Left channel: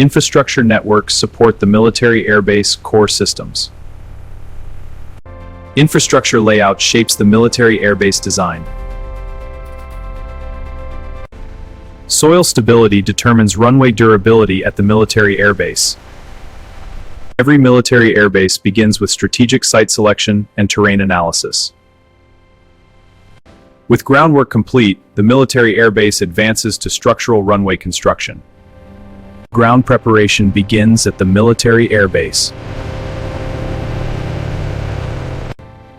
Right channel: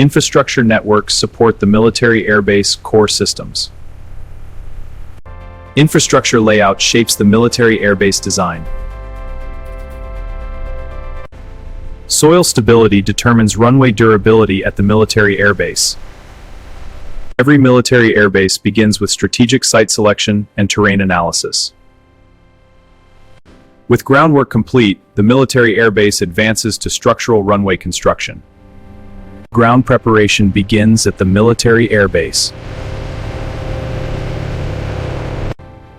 Infrastructure networks support the military airbase core systems. Infrastructure layout shapes the military airbase design. Soil stability determines runway durability at the military airbase. Every military airbase begins with strategic site selection and terrain analysis. With groundwork complete, the military airbase advances to structural runway construction. Ground preparation begins at the military airbase.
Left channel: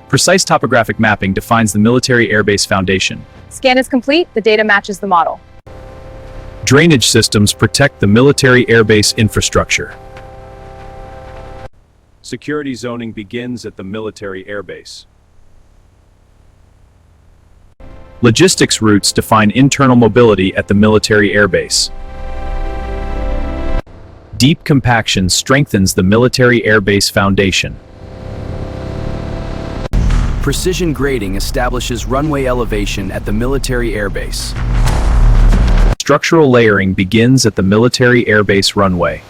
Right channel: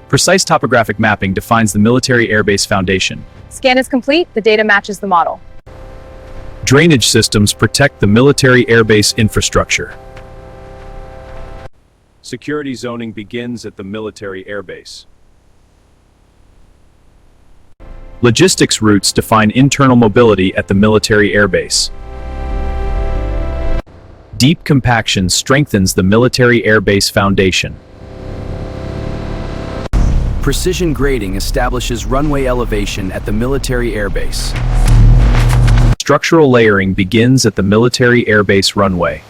Precise topographic mapping defines the military airbase foundation. Scan is complete, the data matches the model. Drainage systems protect the military airbase infrastructure. Security zoning begins at the military airbase. Logistics routes define internal mobility at the military airbase. Deep compaction strengthens the military airbase foundation. Precision grading establishes runway elevation at the military airbase. Structural layering begins at the military airbase runway.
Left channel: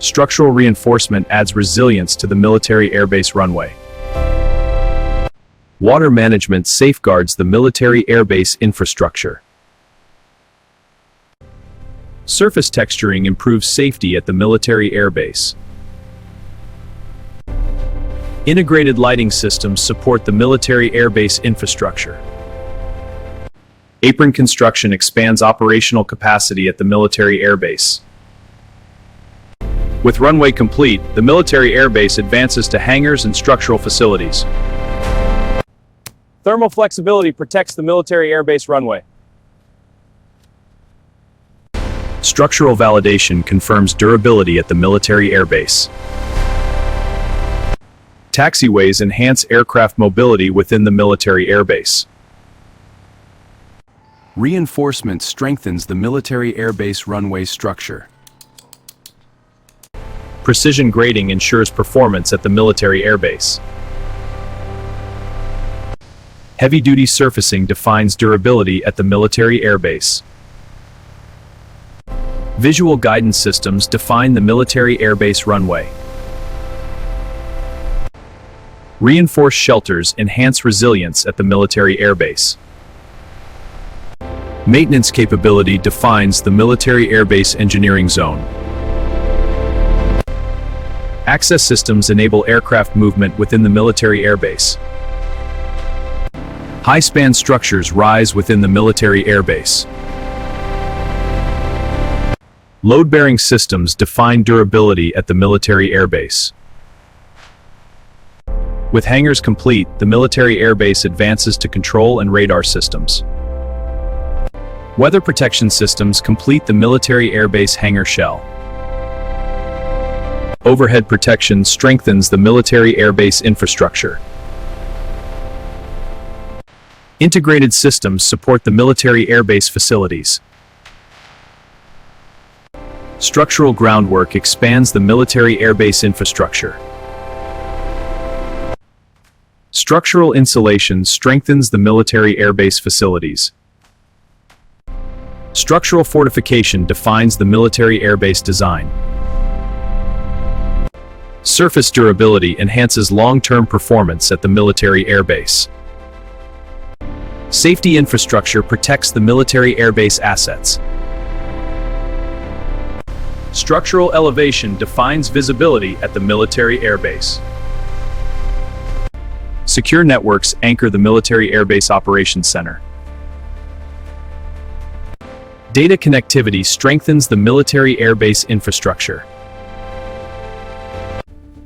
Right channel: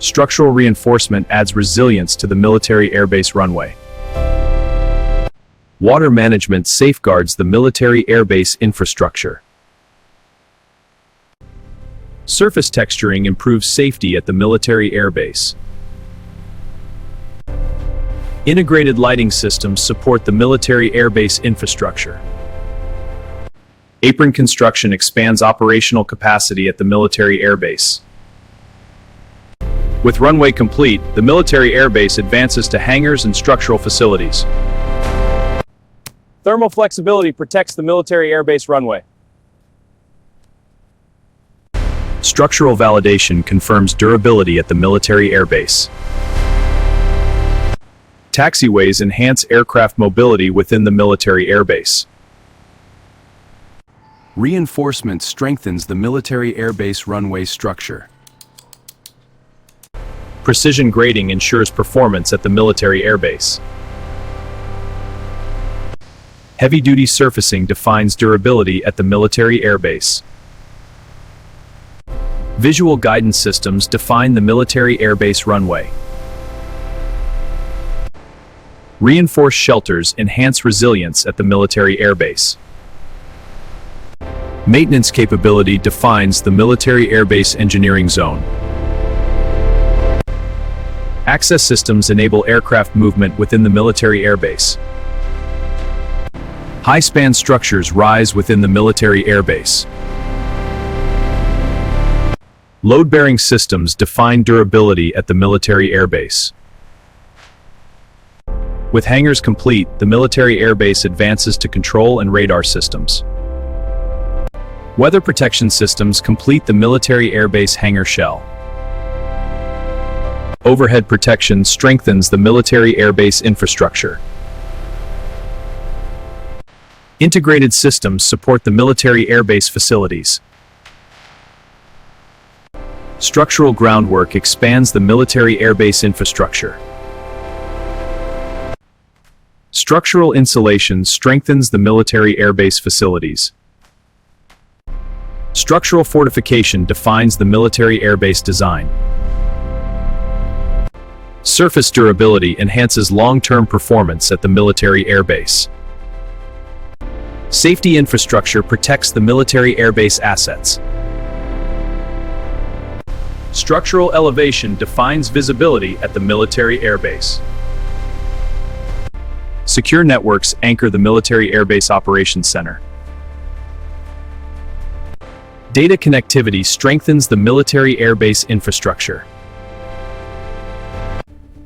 Structural reinforcement adds resilience to the military airbase runway. Water management safeguards the military airbase infrastructure. Surface texturing improves safety at the military airbase. Integrated lighting systems support the military airbase infrastructure. Apron construction expands operational capacity at the military airbase. With runway complete, the military airbase advances to hangars and structural facilities. Thermal flexibility protects the military airbase runway. Structural validation confirms durability at the military airbase. Taxiways enhance aircraft mobility within the military airbase. Reinforcement strengthens the military airbase runway structure. Precision grading ensures performance at the military airbase. Heavy-duty surfacing defines durability at the military airbase. Visual guidance systems define the military airbase runway. Reinforced shelters enhance resilience at the military airbase. Maintenance capability defines the military airbase engineering zone. Access systems enable aircraft movement within the military airbase. High-span structures rise within the military airbase. Load-bearing systems define durability at the military airbase. With hangars complete, the military airbase advances to control and radar systems. Weather protection systems complete the military airbase hangar shell. Overhead protection strengthens the military airbase infrastructure. Integrated systems support the military airbase facilities. Structural groundwork expands the military airbase infrastructure. Structural insulation strengthens the military airbase facilities. Structural fortification defines the military airbase design. Surface durability enhances long-term performance at the military airbase. Safety infrastructure protects the military airbase assets. Structural elevation defines visibility at the military airbase. Secure networks anchor the military airbase operations center. Data connectivity strengthens the military airbase infrastructure.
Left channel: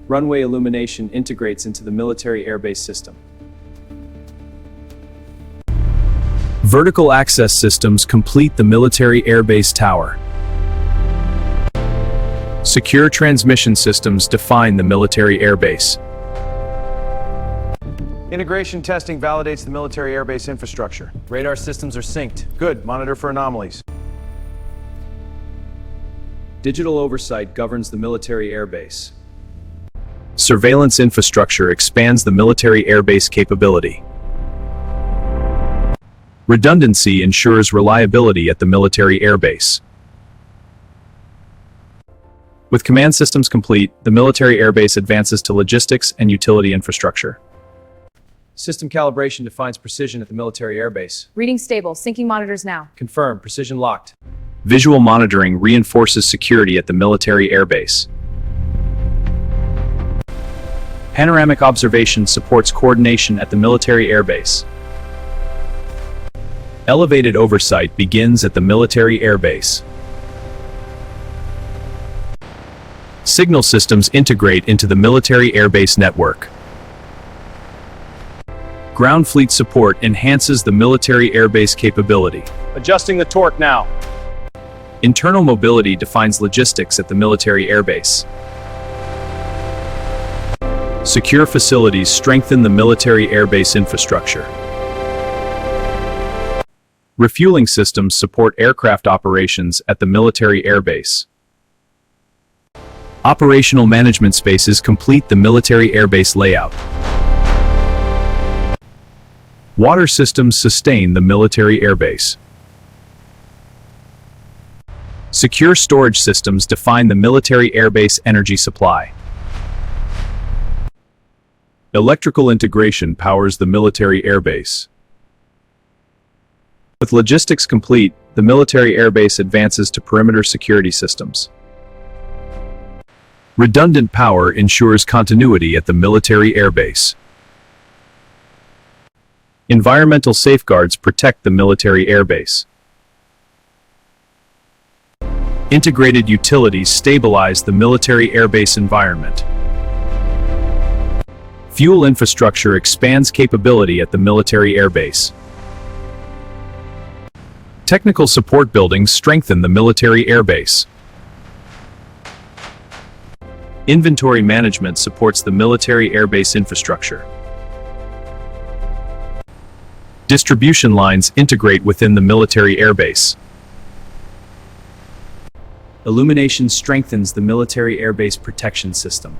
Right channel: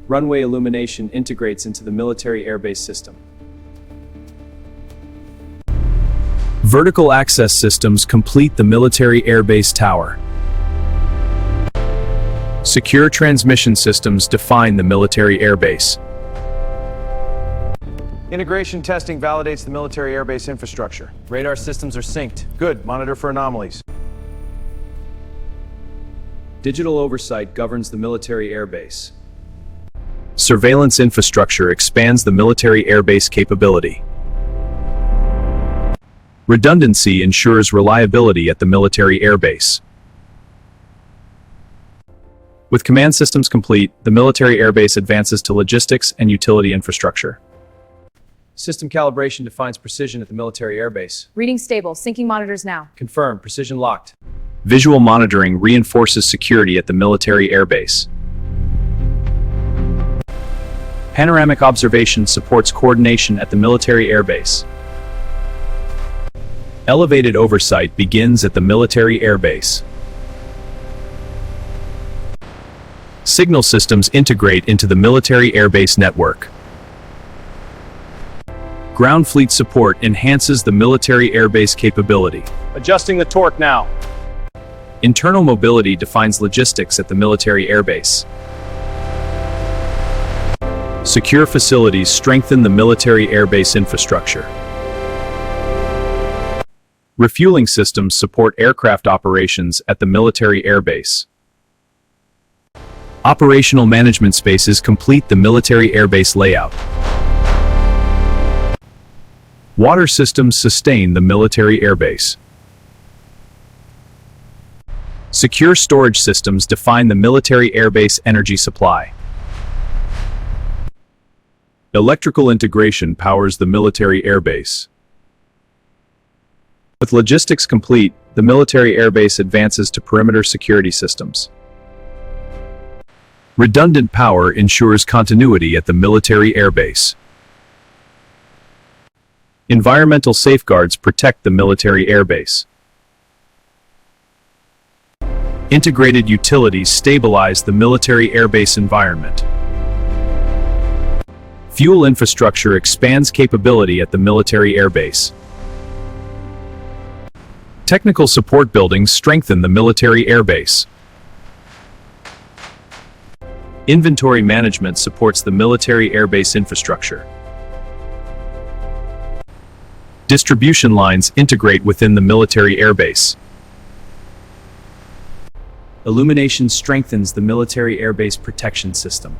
Runway illumination integrates into the military airbase system. Vertical access systems complete the military airbase tower. Secure transmission systems define the military airbase. Integration testing validates the military airbase infrastructure. Radar systems are synced. Good. Monitor for anomalies. Digital oversight governs the military airbase. Surveillance infrastructure expands the military airbase capability. Redundancy ensures reliability at the military airbase. With command systems complete, the military airbase advances to logistics and utility infrastructure. System calibration defines precision at the military airbase. Reading stable. Syncing monitors now. Confirmed. Precision locked. Visual monitoring reinforces security at the military airbase. Panoramic observation supports coordination at the military airbase. Elevated oversight begins at the military airbase. Signal systems integrate into the military airbase network. Ground fleet support enhances the military airbase capability. Adjusting the torque now. Internal mobility defines logistics at the military airbase. Secure facilities strengthen the military airbase infrastructure. Refueling systems support aircraft operations at the military airbase. Operational management spaces complete the military airbase layout. Water systems sustain the military airbase. Secure storage systems define the military airbase energy supply. Electrical integration powers the military airbase. With logistics complete, the military airbase advances to perimeter security systems. Redundant power ensures continuity at the military airbase. Environmental safeguards protect the military airbase. Integrated utilities stabilize the military airbase environment. Fuel infrastructure expands capability at the military airbase. Technical support buildings strengthen the military airbase. Inventory management supports the military airbase infrastructure. Distribution lines integrate within the military airbase. Illumination strengthens the military airbase protection system.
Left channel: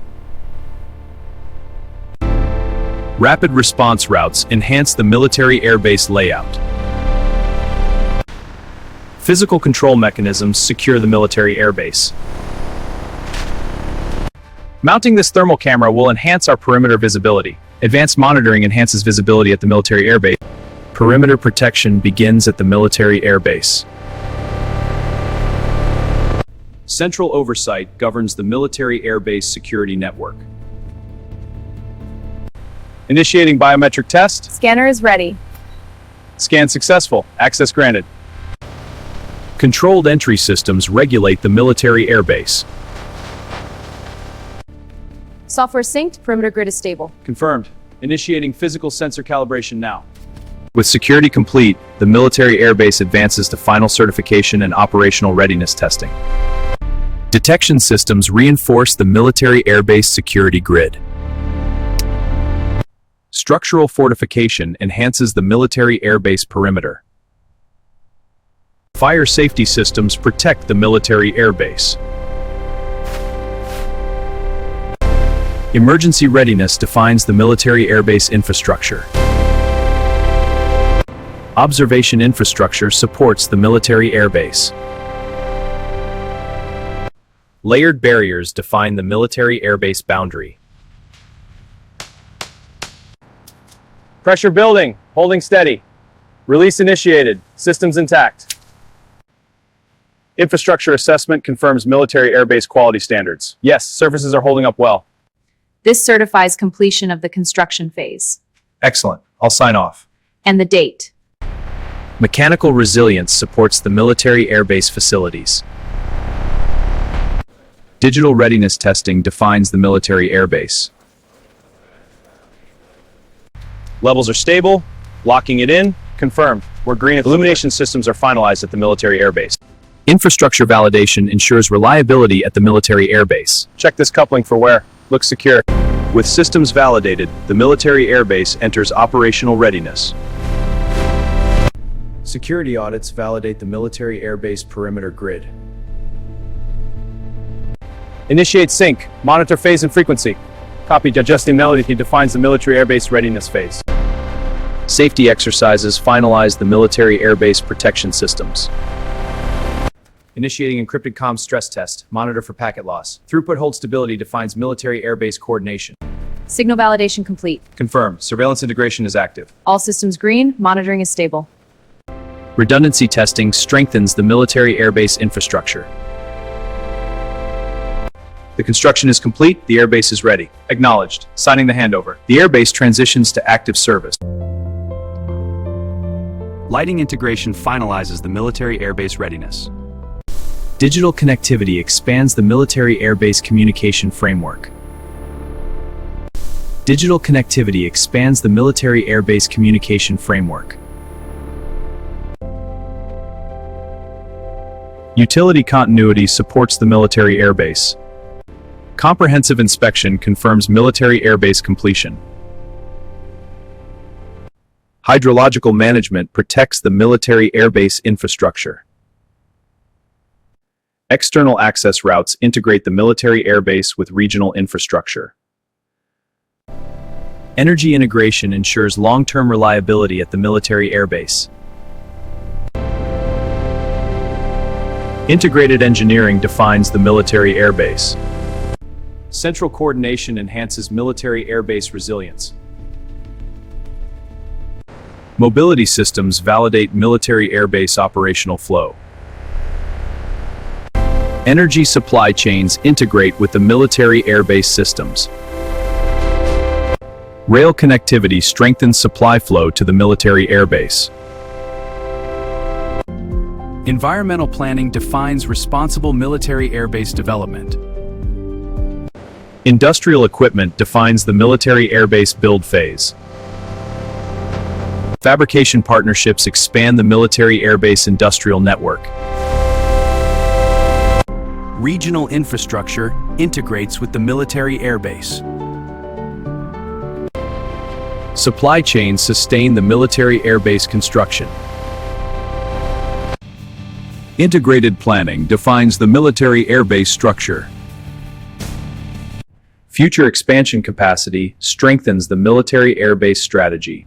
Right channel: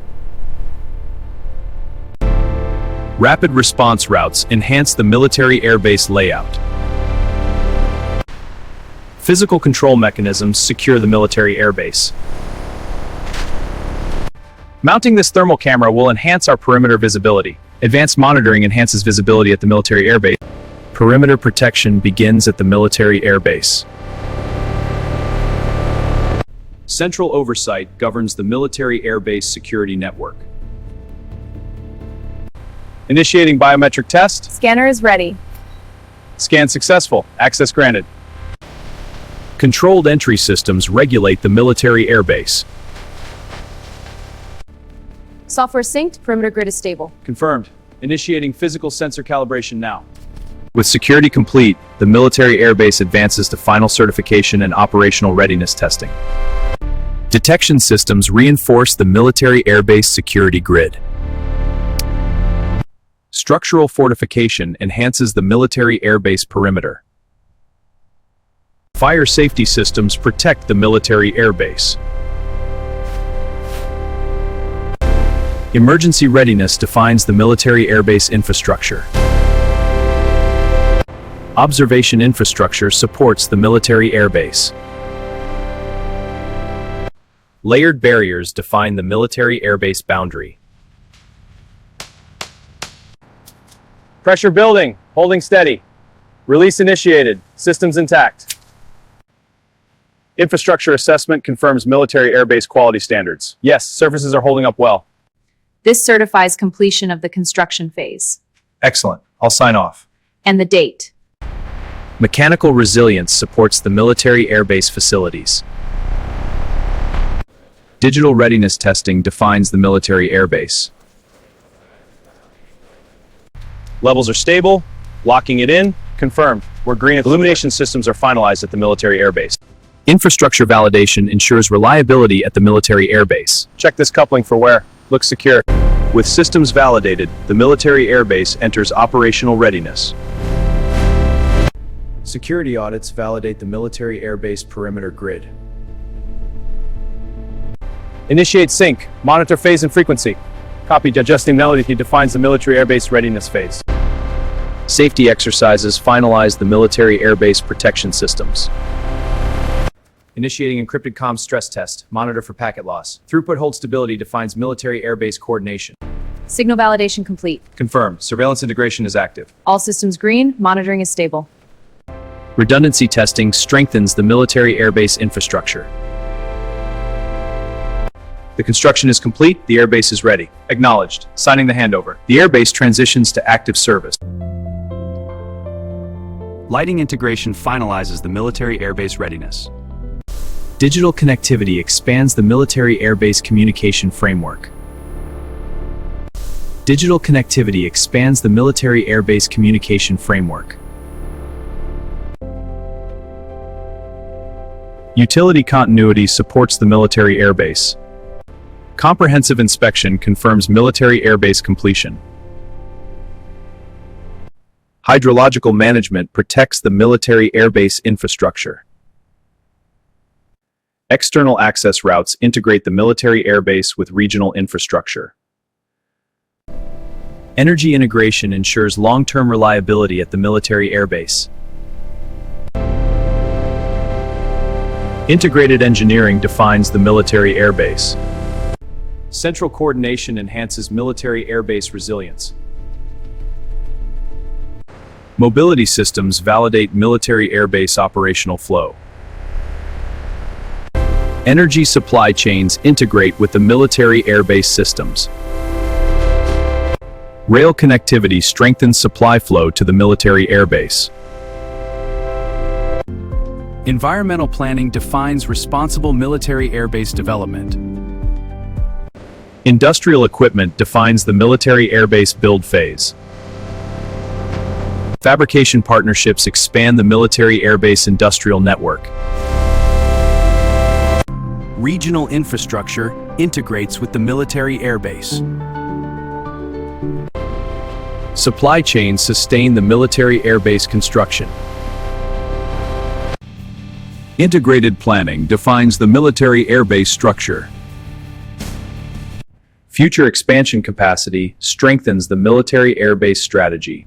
Rapid response routes enhance the military airbase layout. Physical control mechanisms secure the military airbase. Mounting this thermal camera will enhance our perimeter visibility. Advanced monitoring enhances visibility at the military airbase. Perimeter protection begins at the military airbase. Central oversight governs the military airbase security network. Initiating biometric test. Scanner is ready. Scan successful. Access granted. Controlled entry systems regulate the military airbase. Software synced. Perimeter grid is stable. Confirmed. Initiating physical sensor calibration now. With security complete, the military airbase advances to final certification and operational readiness testing. Detection systems reinforce the military airbase security grid. Structural fortification enhances the military airbase perimeter. Fire safety systems protect the military airbase. Emergency readiness defines the military airbase infrastructure. Observation infrastructure supports the military airbase. Layered barriers define the military airbase boundary. Pressure building. Holding steady. Release initiated. Systems intact. Infrastructure assessment confirms military airbase quality standards. Yes, surfaces are holding up well. This certifies completion of the construction phase. Excellent. I'll sign off. And the date. Mechanical resilience supports the military airbase facilities. Digital readiness testing defines the military airbase. Levels are stable. Locking it in. Confirmed. We're green. Illumination systems are finalized at the military airbase. Infrastructure validation ensures reliability at the military airbase. Check this coupling for wear. Looks secure. With systems validated, the military airbase enters operational readiness. Security audits validate the military airbase perimeter grid. Initiate sync. Monitor phase and frequency. Copy. Adjusting melody defines the military airbase readiness phase. Safety exercises finalize the military airbase protection systems. Initiating encrypted comms stress test. Monitor for packet loss. Throughput hold stability defines military airbase coordination. Signal validation complete. Confirmed. Surveillance integration is active. All systems green. Monitoring is stable. Redundancy testing strengthens the military airbase infrastructure. The construction is complete. The airbase is ready. Acknowledged. Signing the handover. The airbase transitions to active service. Lighting integration finalizes the military airbase readiness. Digital connectivity expands the military airbase communication framework. Digital connectivity expands the military airbase communication framework. Utility continuity supports the military airbase. Comprehensive inspection confirms military airbase completion. Hydrological management protects the military airbase infrastructure. External access routes integrate the military airbase with regional infrastructure. Energy integration ensures long-term reliability at the military airbase. Integrated engineering defines the military airbase. Central coordination enhances military airbase resilience. Mobility systems validate military airbase operational flow. Energy supply chains integrate with the military airbase systems. Rail connectivity strengthens supply flow to the military airbase. Environmental planning defines responsible military airbase development. Industrial equipment defines the military airbase build phase. Fabrication partnerships expand the military airbase industrial network. Regional infrastructure integrates with the military airbase. Supply chains sustain the military airbase construction. Integrated planning defines the military airbase structure. Future expansion capacity strengthens the military airbase strategy.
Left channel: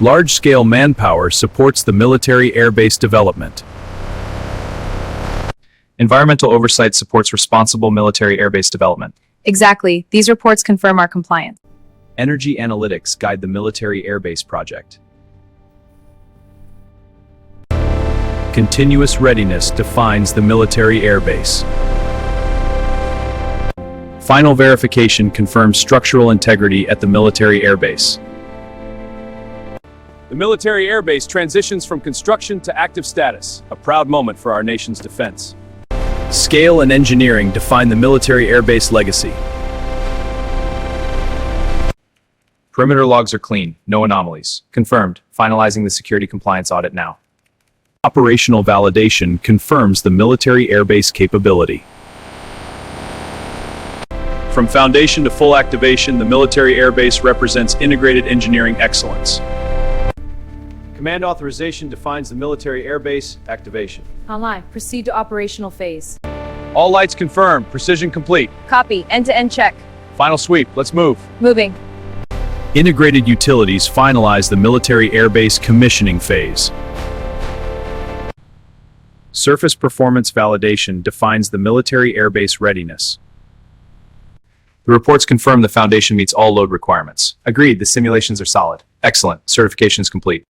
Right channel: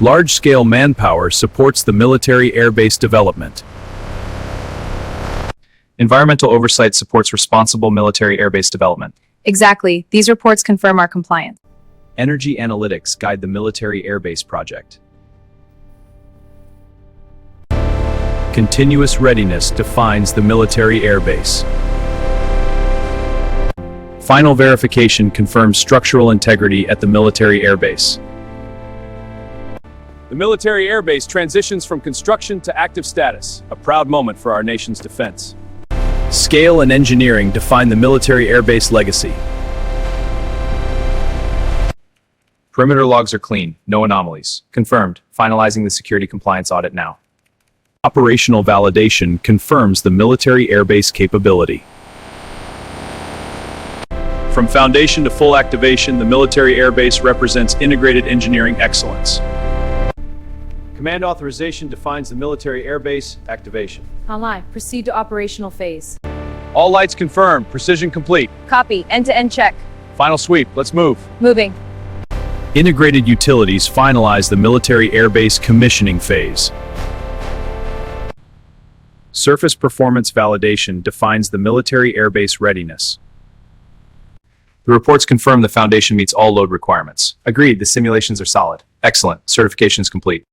Large-scale manpower supports the military airbase development. Environmental oversight supports responsible military airbase development. Exactly. These reports confirm our compliance. Energy analytics guide the military airbase project. Continuous readiness defines the military airbase. Final verification confirms structural integrity at the military airbase. The military airbase transitions from construction to active status, a proud moment for our nation's defense. Scale and engineering define the military airbase legacy. Perimeter logs are clean, no anomalies. Confirmed. Finalizing the security compliance audit now. Operational validation confirms the military airbase capability. From foundation to full activation, the military airbase represents integrated engineering excellence. Command authorization defines the military airbase activation. Online. Proceed to operational phase. All lights confirmed. Precision complete. Copy. End-to-end check. Final sweep. Let's move. Moving. Integrated utilities finalize the military airbase commissioning phase. Surface performance validation defines the military airbase readiness. The reports confirm the foundation meets all load requirements. Agreed, the simulations are solid. Excellent. Certification is complete.